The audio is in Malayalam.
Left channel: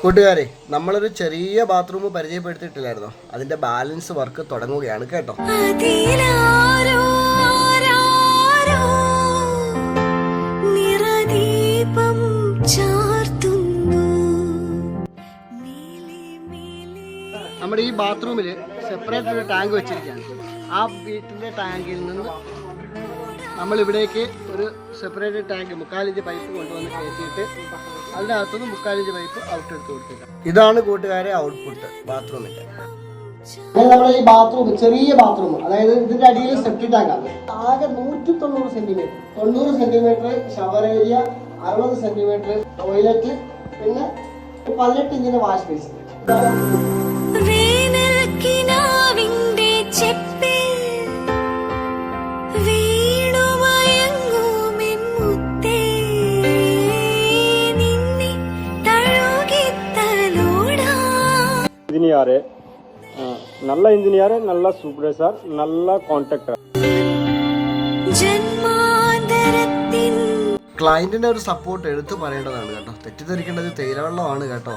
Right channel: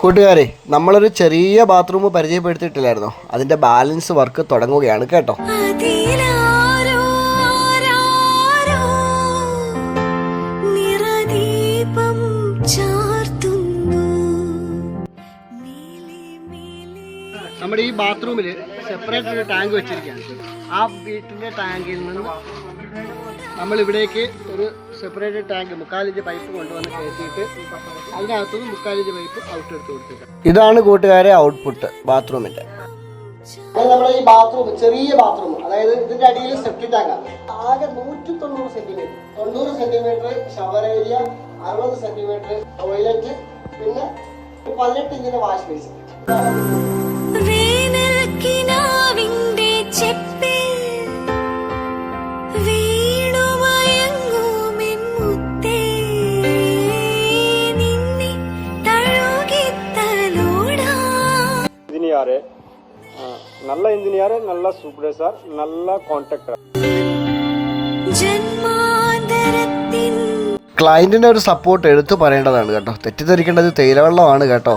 കൂട്ടുകാരെ, നമ്മളൊരു ചെറിയ ബാത്റൂം പരിചയപ്പെടുത്തിയിട്ടില്ലായിരുന്നോ? അതിന്റെ ബാലൻസ് വർക്ക് തുടങ്ങുകയാണ് കേട്ടോ. നമ്മുടെ ഈ ബാത്റൂമിൽ സെപ്പറേറ്റ് ഒരു ടാങ്ക് വെച്ചിരിക്കുകയാണ്. ആ വീട്ടിൻ്റെ ടാങ്കിൽ നിന്ന് നമ്മൾ ഇവിടേക്ക് ഒരു സെപ്പറേറ്റ് ടാങ്ക് 3/4 ഇഞ്ച് പൈപ്പ് കൊണ്ടുവന്ന് കയറ്റിയിട്ട് അതിനകത്തുനിന്ന് 3/4 ഇഞ്ച് പൈപ്പ് ഔട്ട് എടുത്ത് കൊടുത്തിട്ടുണ്ട്. ഇതാണ് കൂട്ടുകാരെ ഔട്ട്പുട്ട് ബാത്റൂമിൻ്റെ. നമ്മുടെ ഈ ബാത്റൂം ചെറിയ ബാത്റൂം, അതായത് ഇതിന്റെ അടിയിൽ സെപ്റ്റിക് ടാങ്കാണ്. ആകെ 190 centimetre, 90 centimetre shower area, 60 centimetre toilet, പിന്നെ 18 ഇഞ്ചിന് വാഷ് ബേസിൻ. நல்ல இன்ஜினியர், நல்ல சூப்பர்வைசர், நல்ல கான்ட்ராக்டர். ക്ലയന്റിന് ഒരു സപ്പോർട്ട് എടുത്തു പറയേണ്ടതാണ് കേട്ടോ. തെറ്റിദ്ധരിക്കേണ്ടത് തേയിലവെള്ളമാണ് കേട്ടോ.